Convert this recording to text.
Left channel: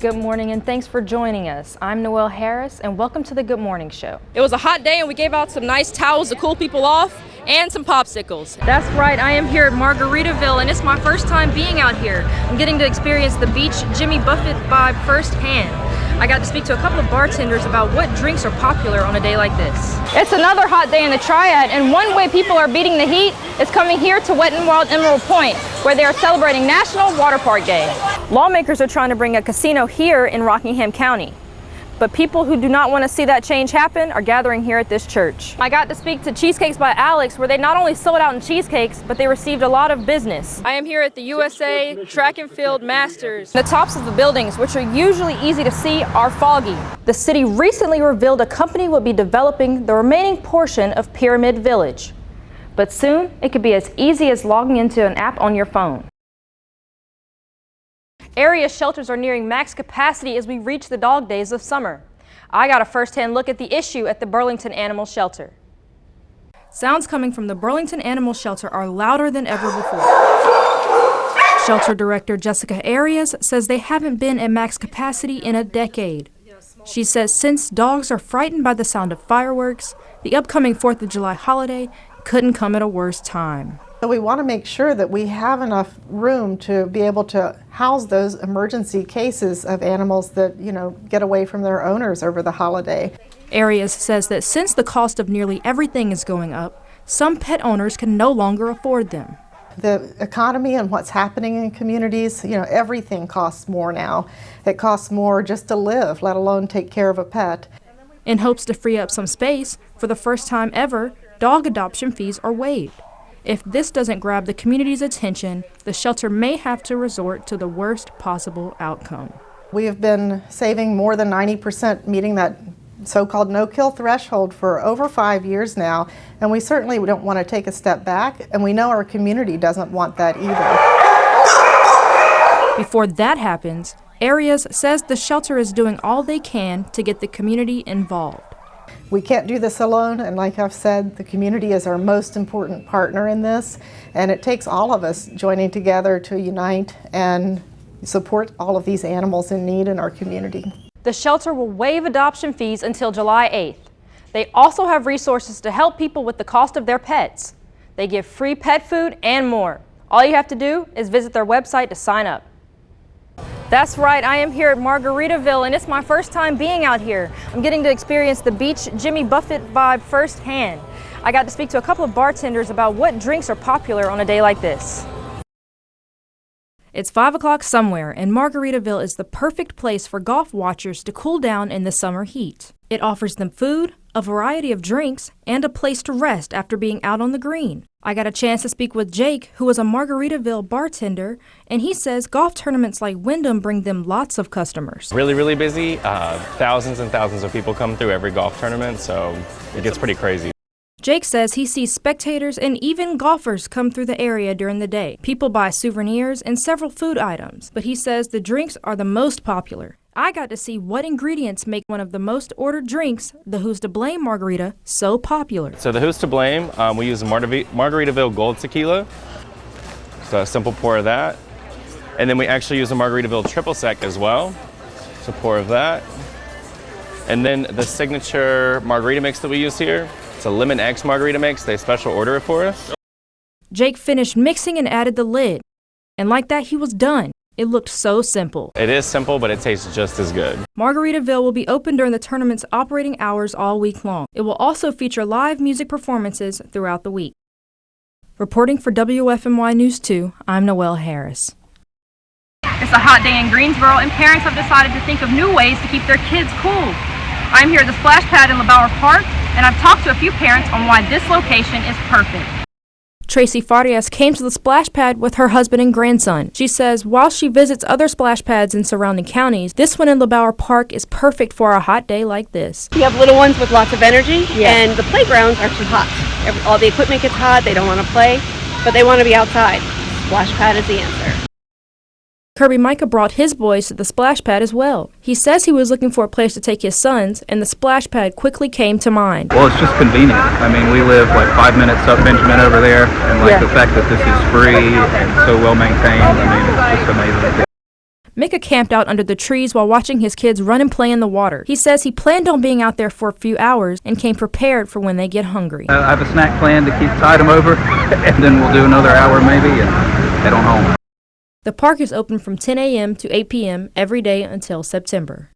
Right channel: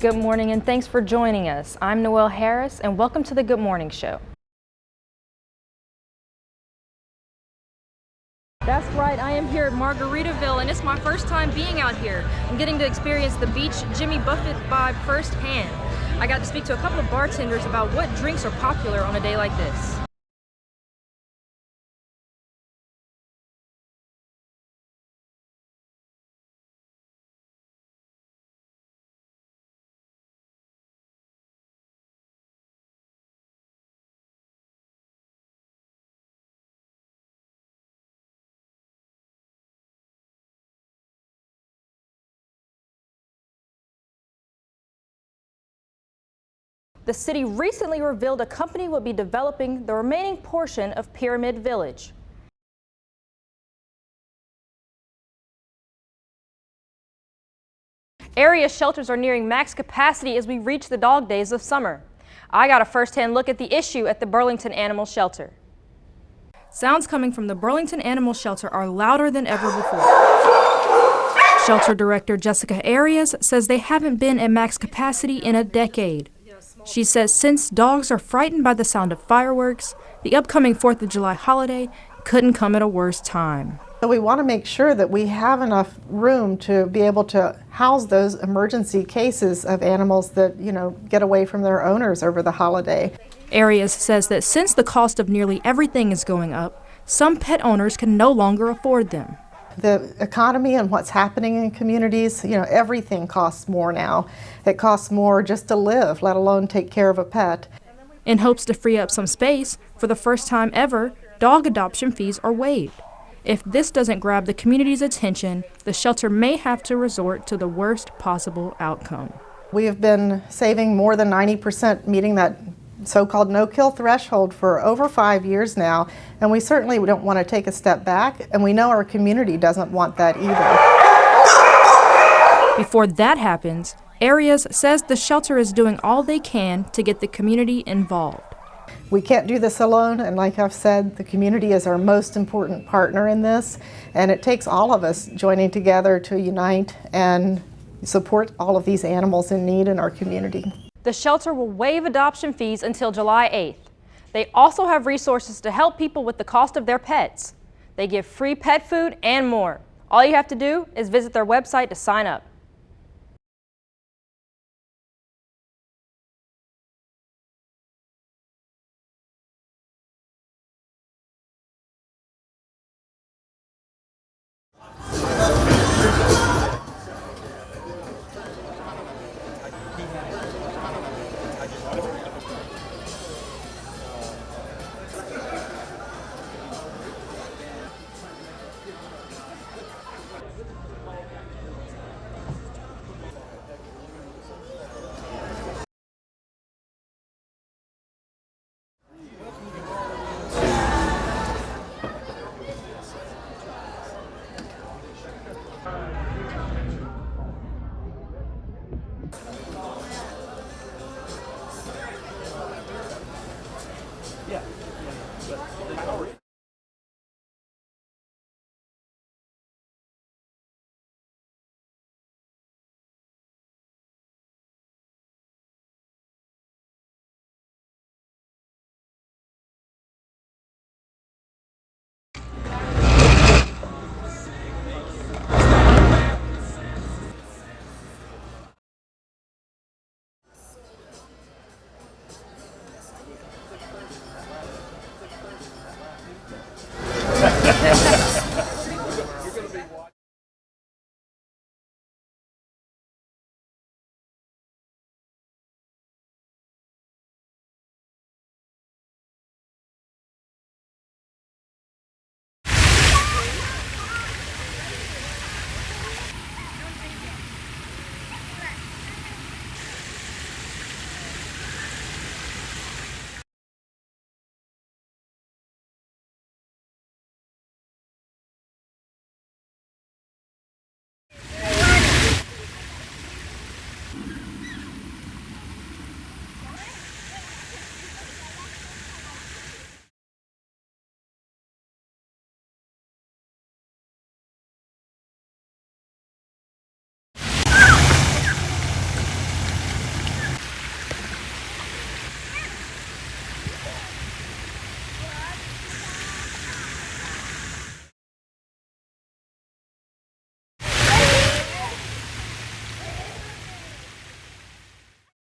Good morning and thanks for joining us. I'm Noel Harris and welcome to the Good Morning Show. It was a hot day and we gave out some nice towels to cool people off and some popsicles. That's right, I am here at Margaritaville and it's my first time being out here. I'm getting to experience the beach Jimmy Buffett vibe firsthand. I got to speak to a couple of bartenders about what drinks are popular on a day like this. It's another hot day in the Triad, and one way people are beating the heat is coming here to Wet n Wild Emerald Point, where they are celebrating National Water Park Day. Lawmakers are trying to bring a casino here in Rockingham County. But people who do not want to see that change happen are gathering here at this church. I got to speak to Cheesecakes by Alex, where they not only sold out in cheesecakes, but they received a lot of business. I am here at the USA Track and Field Masters. The tops of the buildings, which are usually easy to see, are foggy. The city recently revealed a company will be developing the remaining portion of Pyramid Village. But soon, it could be as easy as logging into an app on your phone. Area shelters are nearing max capacity as we reach the dog days of summer. I got a first-hand look at the issue at the Burlington Animal Shelter. Sounds coming from the Burlington Animal Shelter are louder than ever before. Shelter Director Jessica Arias says they haven't been at max capacity in a decade. She says since dogs are frightened by the sound of fireworks, the upcoming 4th of July holiday couldn't come at a worse time. So we want to make sure that we have enough room to be able to house those emergency cases of animals that, get away from their owners over the holiday. Arias says that since the cost of nearly everything is going up, some pet owners can no longer afford them. The economy and what's happening in communities, everything costs more now. It costs more just to live, let alone take care of a pet. In hopes to free up some space, for the first time ever, dog adoption fees are waived. If this doesn't grab the community's attention, the shelter may have to resort to the worst possible outcome. We have been saving more than 90%, meeting that so-called no-kill threshold for over 5 years now, and we certainly don't want to take a step back, and we know our community doesn't want that either. Before that happens, Arias says the shelter is doing all they can to get the community involved. We can't do this alone, and like I've said, the community is our most important partner in this, and it takes all of us joining together to unite and support all of these animals in need in our community. The shelter will waive adoption fees until July 8th. They also have resources to help people with the cost of their pets. They give free pet food and more. All you have to do is visit their website to sign up. That's right, I am here at Margaritaville and it's my first time being out here. I'm getting to experience the beach Jimmy Buffett vibe firsthand. I got to speak to a couple of bartenders about what drinks are popular on a day like this. It's 5 o'clock somewhere and Margaritaville is the perfect place for golf watchers to cool down in the summer heat. It offers them food, a variety of drinks, and a place to rest after being out on the green. I got a chance to speak with Jake, who is a Margaritaville bartender, and he says golf tournaments like Wyndham bring them lots of customers. Really busy. Thousands and thousands of people come through every golf tournament, so it gets pretty crazy. Jake says he sees spectators and even golfers come through the area during the day. People buy souvenirs and several food items, but he says the drinks are the most popular. I got to see what ingredients make one of the most ordered drinks, the Who's to Blame margarita, so popular. So the Who's to Blame, we use Margaritaville Gold Tequila, so a simple pour of that. And then we actually use a Margaritaville Triple Sec as well, so pour of that. And then the signature margarita mix that we use here, it's a Lemon X margarita mix. They special order it for us. Jake finished mixing and added the lid, and like that he was done. It looked so simple. It is simple, but it tastes just as good. Margaritaville will be open during the tournament's operating hours all week long. It will also feature live music performances throughout the week. Reporting for WFMY News 2, I'm Noel Harris. It's a hot day in Greensboro, and parents have decided to think of new ways to keep their kids cool. I'm here at the splash pad in LeBauer Park, and I've talked to a few parents on why this location is perfect. Tracy Farias came to the splash pad with her husband and grandson. She says while she visits other splash pads in surrounding counties, this one in LeBauer Park is perfect for a hot day like this. You have little ones with lots of energy, and the playgrounds are too hot. All the equipment gets hot, they don't want to play, but they want to be outside. Splash pad is the answer. Kirby Micah brought his boys to the splash pad as well. He says he was looking for a place to take his sons, and the splash pad quickly came to mind. Well, it's just convenient. I mean, we live like 5 minutes up Benjamin over there, and the fact that this is free and so well maintained, I mean, it's just amazing. Micah camped out under the trees while watching his kids run and play in the water. He says he planned on being out there for a few hours and came prepared for when they get hungry. I have a snack plan to tide them over, and then we'll do another hour maybe and head on home. The park is open from 10 a.m. to 8 p.m. every day until September.